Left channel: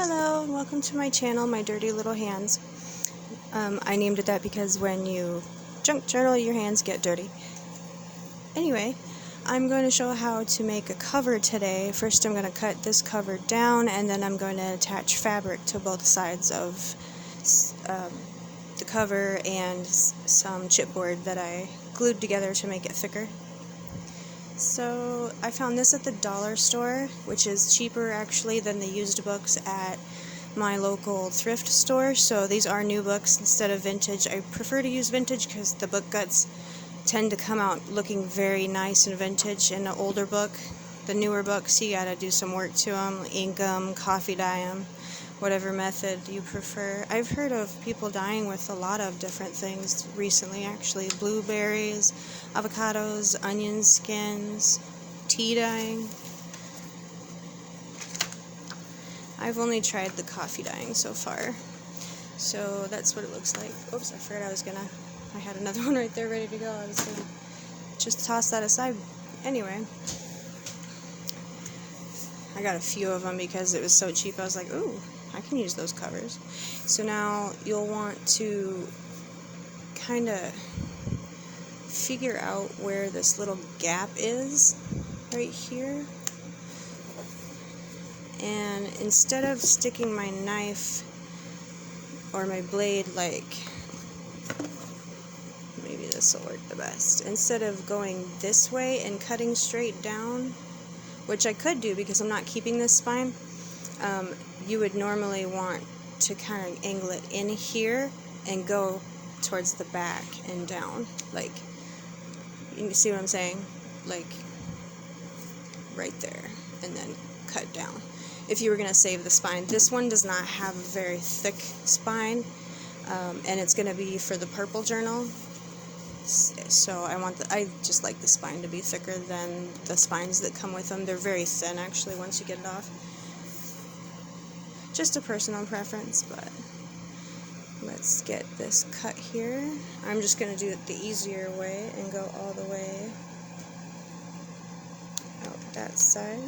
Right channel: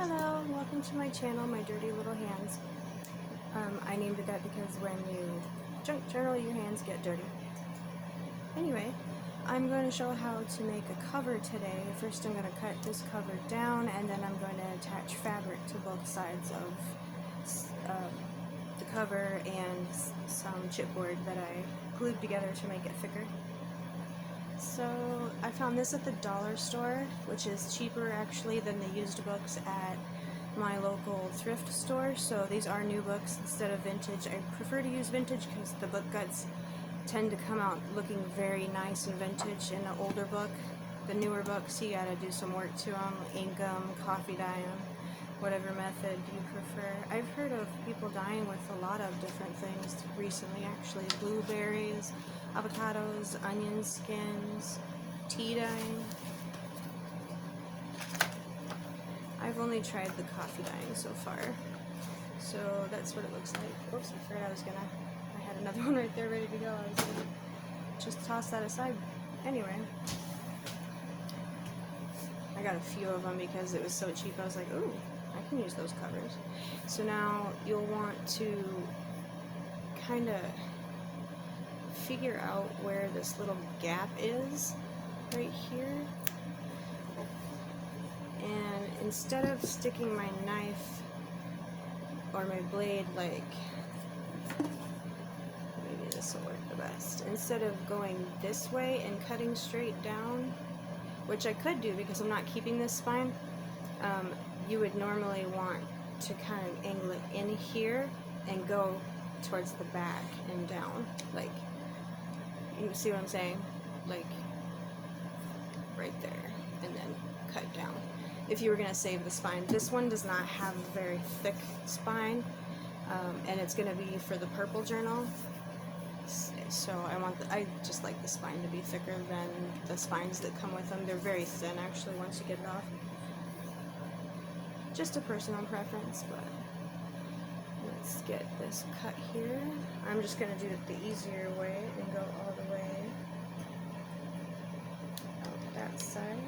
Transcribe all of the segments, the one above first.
Hello, and welcome to my channel, My Dirty Little Hands. I named it that because when you junk journal, your hands get dirty. Anyway, I'm going to show how to make a cover today. First I'm going to cut this cover down, and then I'm going to attach fabric to both sides of the cover and some chipboard that I glued together to make it thicker. So I found this at the dollar store, which is cheaper actually than the used books at my local thrift store. So these are new books instead of vintage. I prefer to use vintage because the book guts tend to come out looking very nice and vintage. In an older book, the newer books, you gotta do some work to them, ink them, coffee dye them, whatever method you prefer. I've heard of people dyeing with a lot of different things recently, actually. Blueberries, avocados, onion skins, tea dyeing. I've only tried the coffee dyeing so far. So that's what it looks like. Oops, I forgot I had another one right there ready to go. I was gonna just toss that aside. Anyway, I got a few of them because it was so cheap. I was like, ooh, I can use those covers. So now you'll want to kind of figure out where this little gap is right here. And instead of sticking my knife or my blade, like, maybe this will work the best, instead of going this way and cutting straight down, which I could do because I'm not keeping this spine, you would normally want to kind of angle it in here and go towards the back and down, like, you see what I'm saying, like right there, and then cut down if you were going to save the spine. This one does not have a very thick spine, and it's going to be for the purple journal, so I just like the spine to be thicker than the spines that come with them. They're very thin actually once you get it off. Just a personal preference, but let's get this cut here. I'm just going to do it the easier way and go all the way out that side.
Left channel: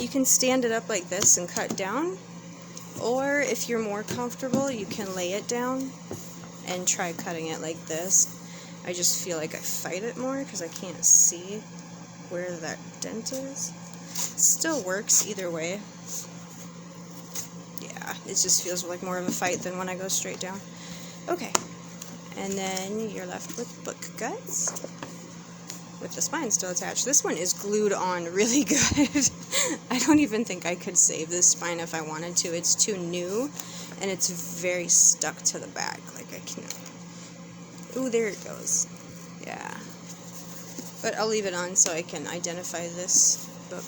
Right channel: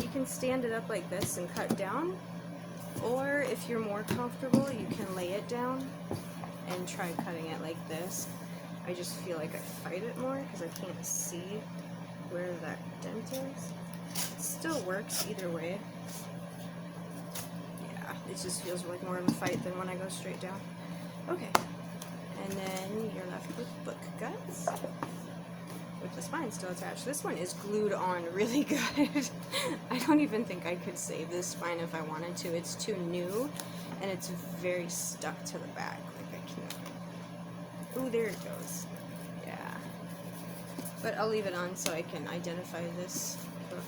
You can stand it up like this and cut down, or if you're more comfortable, you can lay it down and try cutting it like this. I just feel like I fight it more because I can't see where that dent is. It still works either way. Yeah, it just feels like more of a fight than when I go straight down. Okay, and then you're left with book guts with the spine still attached. This one is glued on really good. I don't even think I could save this spine if I wanted to. It's too new, and it's very stuck to the back. Like I can... Ooh, there it goes. Yeah. But I'll leave it on so I can identify this book.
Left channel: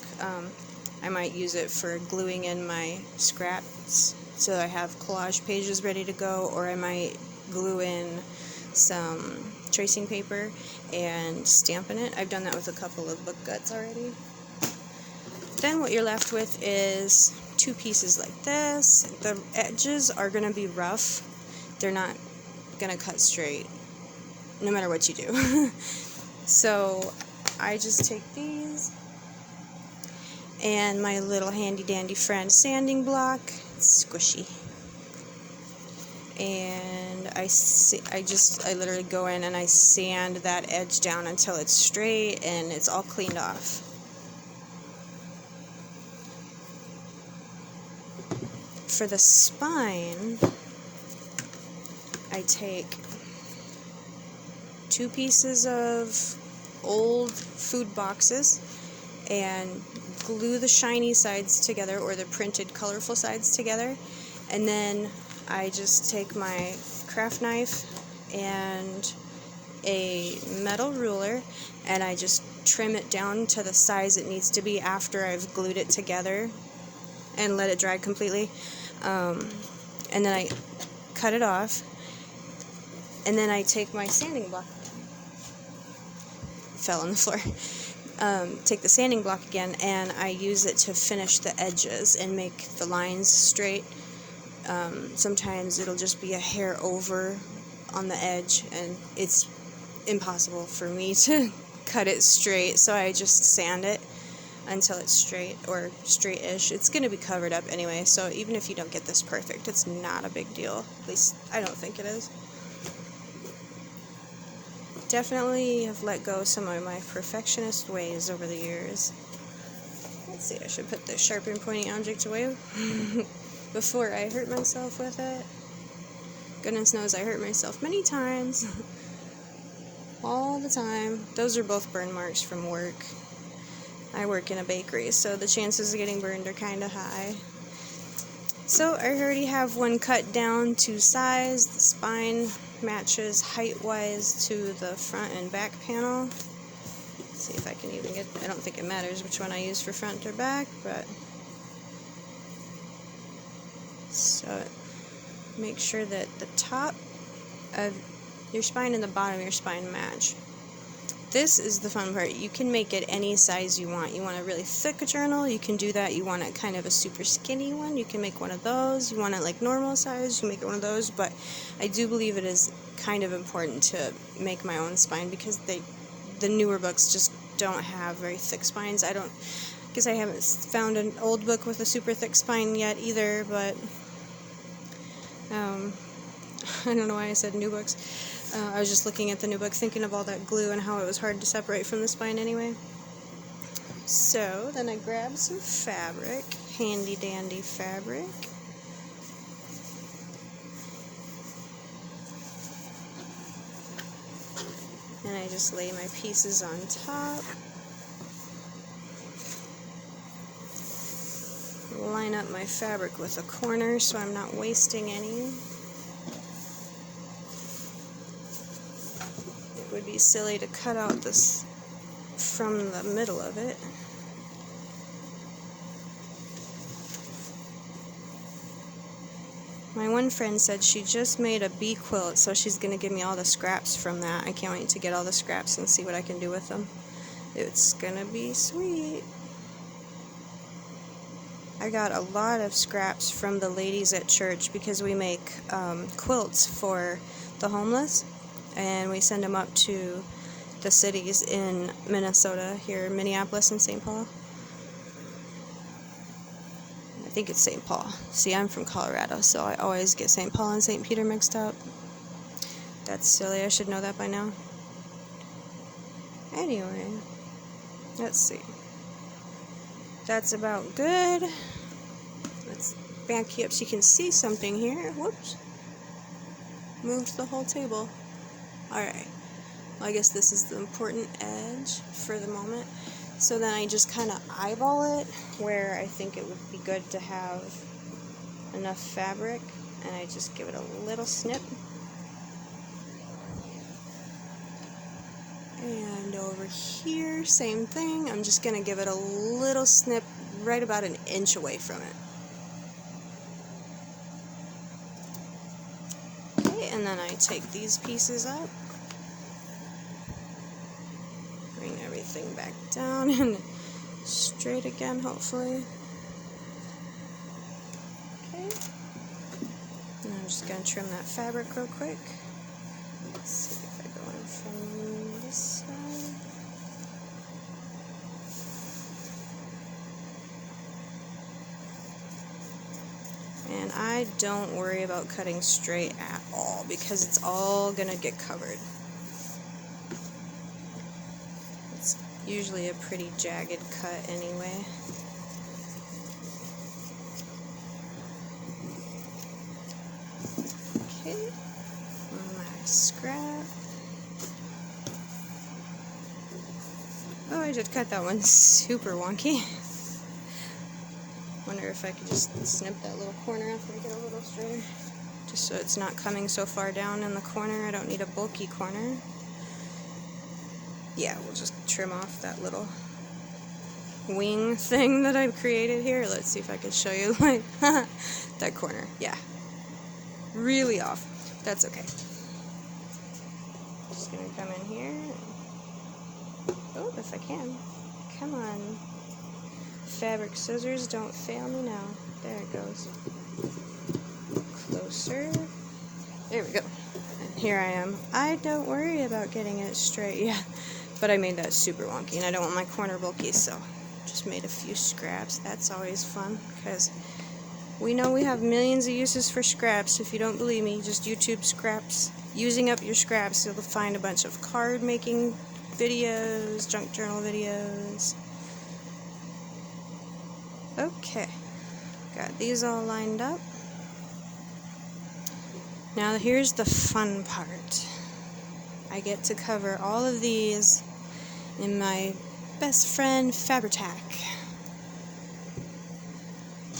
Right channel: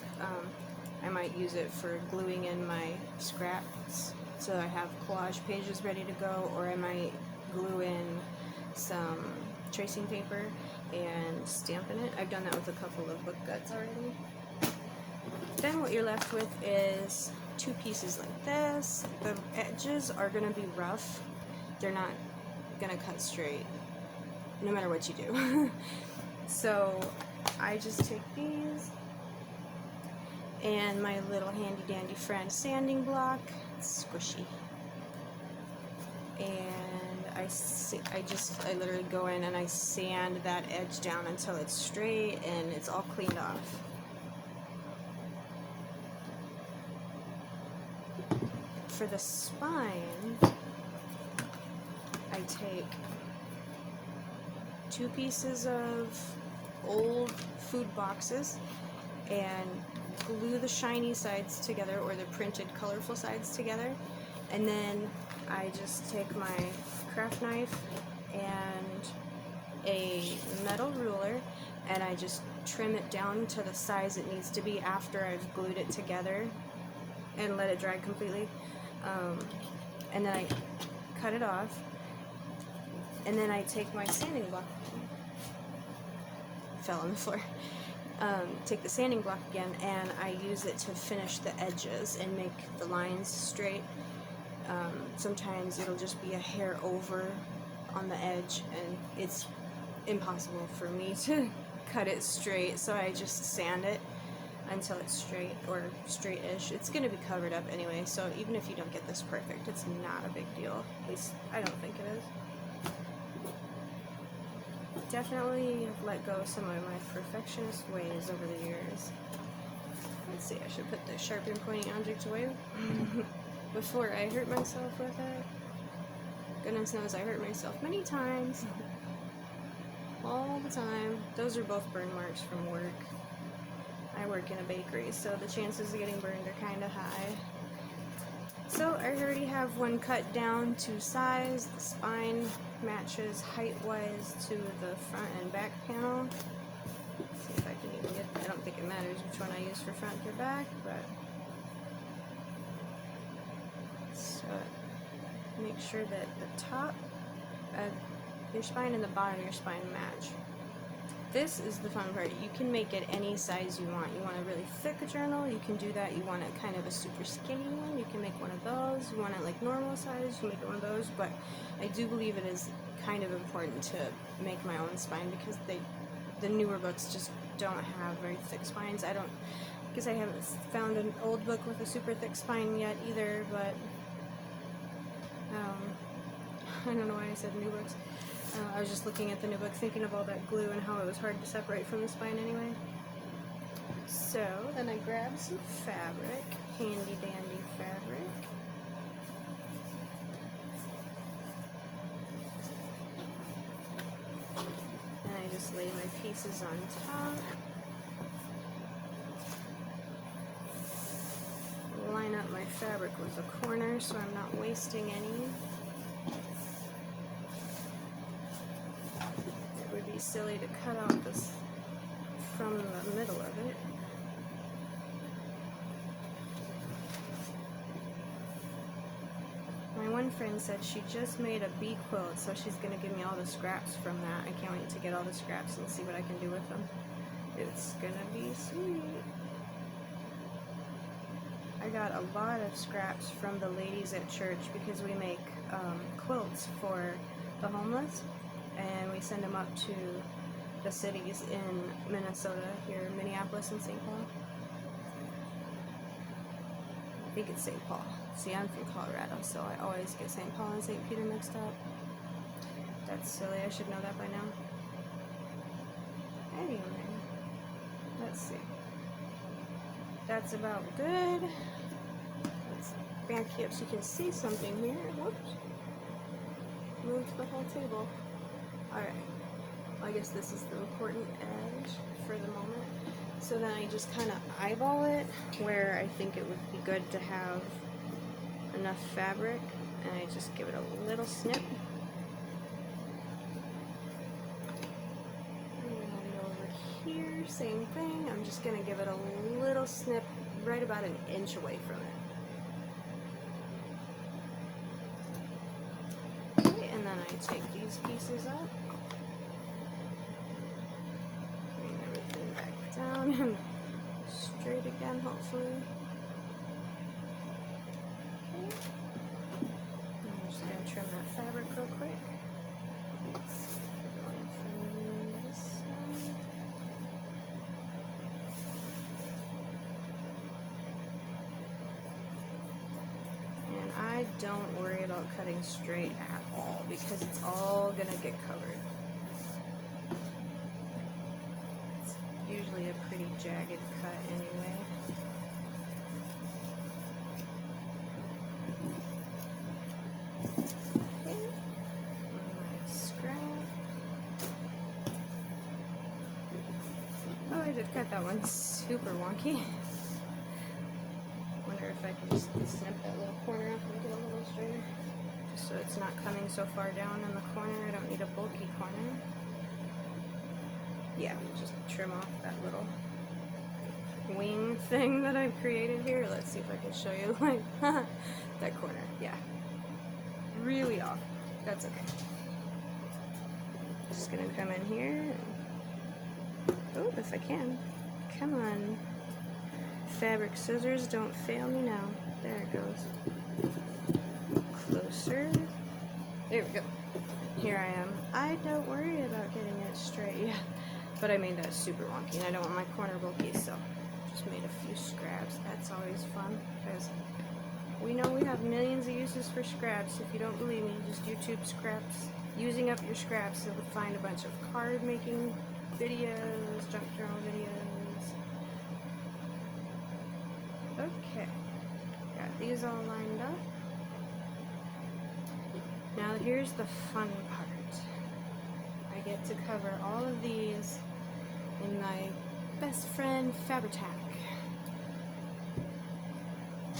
I might use it for gluing in my scraps so I have collage pages ready to go, or I might glue in some tracing paper and stamp in it. I've done that with a couple of book guts already. Then what you're left with is two pieces like this. The edges are going to be rough. They're not going to cut straight no matter what you do. So I just take these and my little handy dandy friend sanding block. It's squishy. And I literally go in and I sand that edge down until it's straight and it's all cleaned off. For the spine, I take two pieces of old food boxes and glue the shiny sides together, or the printed colorful sides together, and then I just take my craft knife and a metal ruler and I just trim it down to the size it needs to be after I've glued it together and let it dry completely, and then I cut it off, and then I take my sanding block, fell on the floor, take the sanding block again and I use it to finish the edges and make the lines straight. Sometimes it'll just be a hair over on the edge and it's impossible for me to cut it straight, so I just sand it. until it's straight or straight-ish. It's going to be covered up anyway, so even if you don't get this perfect, it's not a big deal. At least I don't think it is. Definitely have let go some of my perfectionist ways over the years. Let's see, I should put the sharp and pointy object away before I hurt myself with it. Goodness knows I hurt myself many times. All the time. Those are both burn marks from work. I work in a bakery, so the chances of getting burned are kind of high. So I already have one cut down to size. The spine matches height-wise to the front and back panel. Let's see if I can even get, I don't think it matters which one I use for front or back, but so make sure that the top of your spine and the bottom of your spine match. This is the fun part. You can make it any size you want. You want a really thick journal, you can do that. You want it kind of a super skinny one, you can make one of those. You want it like normal size, you can make it one of those. But I do believe it is kind of important to make my own spine because the newer books just don't have very thick spines. I guess I haven't found an old book with a super thick spine yet either, but I don't know why I said new books. I was just looking at the new book, thinking of all that glue and how it was hard to separate from the spine anyway. So, then I grabbed some fabric, handy dandy fabric. And I just lay my pieces on top. Line up my fabric with a corner so I'm not wasting any. It would be silly to cut out this from the middle of it. My one friend said she just made a bee quilt, so she's going to give me all the scraps from that. I can't wait to get all the scraps and see what I can do with them. It's going to be sweet. I got a lot of scraps from the ladies at church because we make quilts for the homeless, and we send them up to the cities in Minnesota, here, Minneapolis and St. Paul. I think it's St. Paul. See, I'm from Colorado, so I always get St. Paul and St. Peter mixed up. That's silly, I should know that by now. Anyway, let's see. That's about good. Let's back you up so you can see something here. Whoops. Moved the whole table. Alright. Well, I guess this is the important edge for the moment. So then I just kind of eyeball it where I think it would be good to have enough fabric. And I just give it a little snip. And over here, same thing. I'm just going to give it a little snip right about an inch away from it. Okay, and then I take these pieces up. Bring everything back down and straight again, hopefully. Okay. And I'm just going to trim that fabric real quick. Let's see if I go in from this side. And I don't worry about cutting straight at all because it's all gonna get covered. It's usually a pretty jagged cut anyway. Okay, my scrap. Oh, I did cut that one super wonky. Wonder if I could just snip that little corner off and make it a little straighter. Just so it's not coming so far down in the corner. I don't need a bulky corner. Yeah, we'll just trim off that little wing thing that I've created here. Let's see if I can show you like that corner. Yeah. Really off. That's okay. Just gonna come in here and oh, if I can. Come on. Fabric scissors, don't fail me now. There it goes. Closer. There we go. And here I am. I don't worry about getting it straight. Yeah, but I made that super wonky, and I don't want my corner bulky, so Just made a few scraps. That's always fun because we know we have millions of uses for scraps. If you don't believe me, just YouTube scraps. Using up your scraps, you'll find a bunch of card making videos, junk journal videos. Okay, got these all lined up. Now here's the fun part. I get to cover all of these in my best friend Fabri-Tac.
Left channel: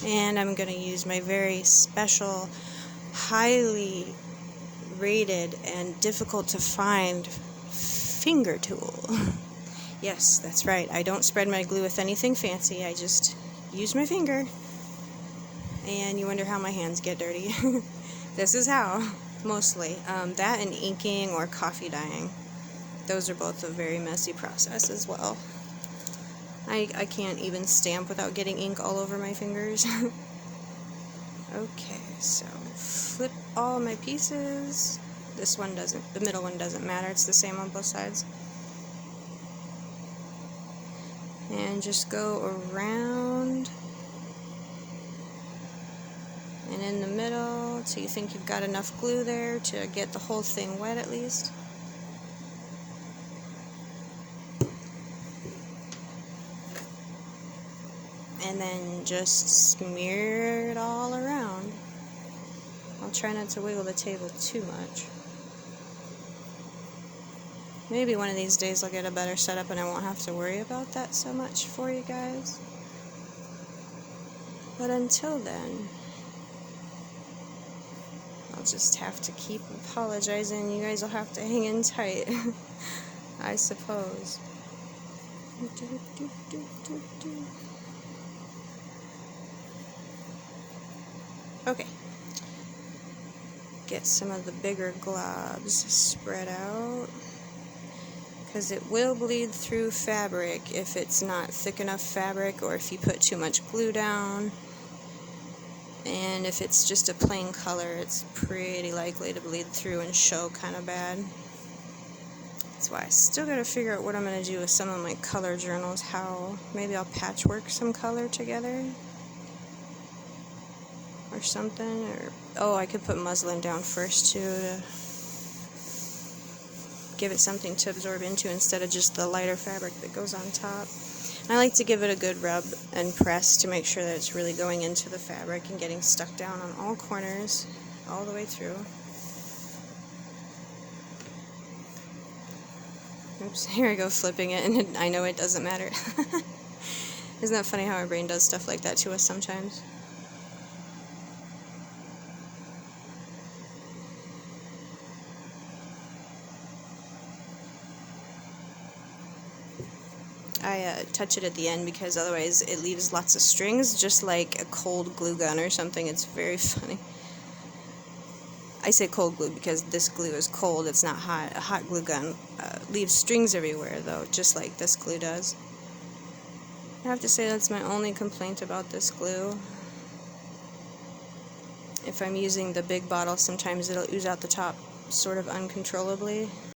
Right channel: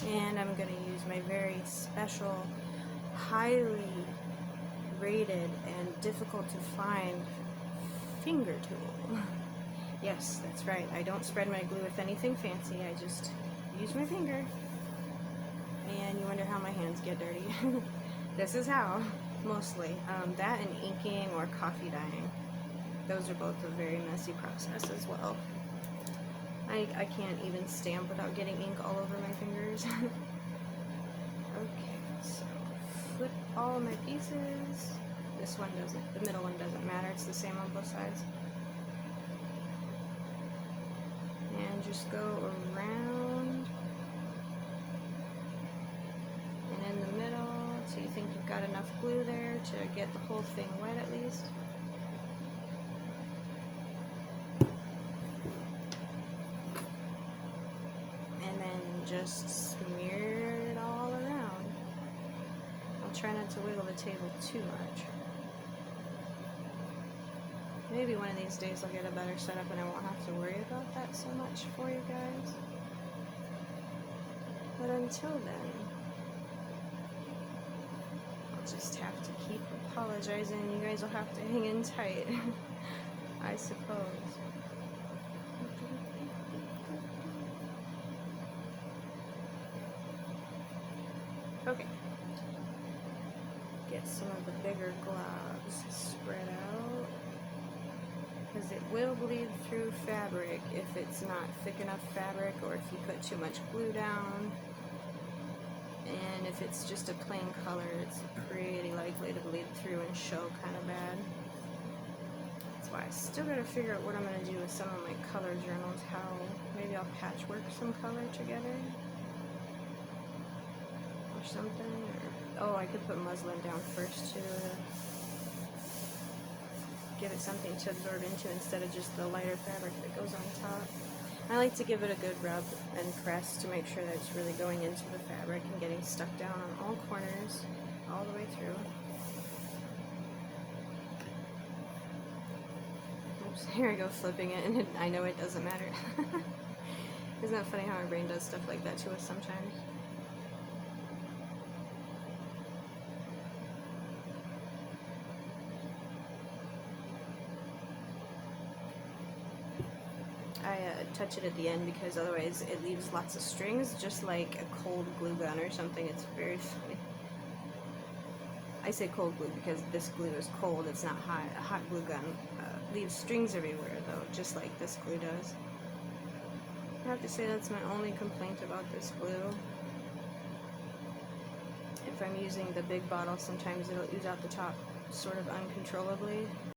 And I'm going to use my very special, highly rated and difficult to find finger tool. Yes, that's right. I don't spread my glue with anything fancy. I just use my finger. And you wonder how my hands get dirty. This is how, mostly. That and inking or coffee dyeing. Those are both a very messy process as well. I can't even stamp without getting ink all over my fingers. Okay, so flip all my pieces. This one doesn't, the middle one doesn't matter, it's the same on both sides. And just go around and in the middle so you think you've got enough glue there to get the whole thing wet at least. And then just smear it all around. I'll try not to wiggle the table too much. Maybe one of these days I'll get a better setup and I won't have to worry about that so much for you guys. But until then, I'll just have to keep apologizing. You guys will have to hang in tight, I suppose. Okay. Get some of the bigger globs spread out, because it will bleed through fabric if it's not thick enough fabric or if you put too much glue down. And if it's just a plain color, it's pretty likely to bleed through and show kind of bad. That's why I still gotta figure out what I'm gonna do with some of my color journals. How maybe I'll patchwork some color together or something. Or oh, I could put muslin down first too to give it something to absorb into instead of just the lighter fabric that goes on top. And I like to give it a good rub and press to make sure that it's really going into the fabric and getting stuck down on all corners all the way through. Oops, here I go flipping it, and I know it doesn't matter. Isn't that funny how our brain does stuff like that to us sometimes? I touch it at the end because otherwise it leaves lots of strings, just like a cold glue gun or something. It's very funny. I say cold glue because this glue is cold, it's not hot. A hot glue gun leaves strings everywhere though, just like this glue does. I have to say that's my only complaint about this glue. If I'm using the big bottle, sometimes it'll ooze out the top sort of uncontrollably.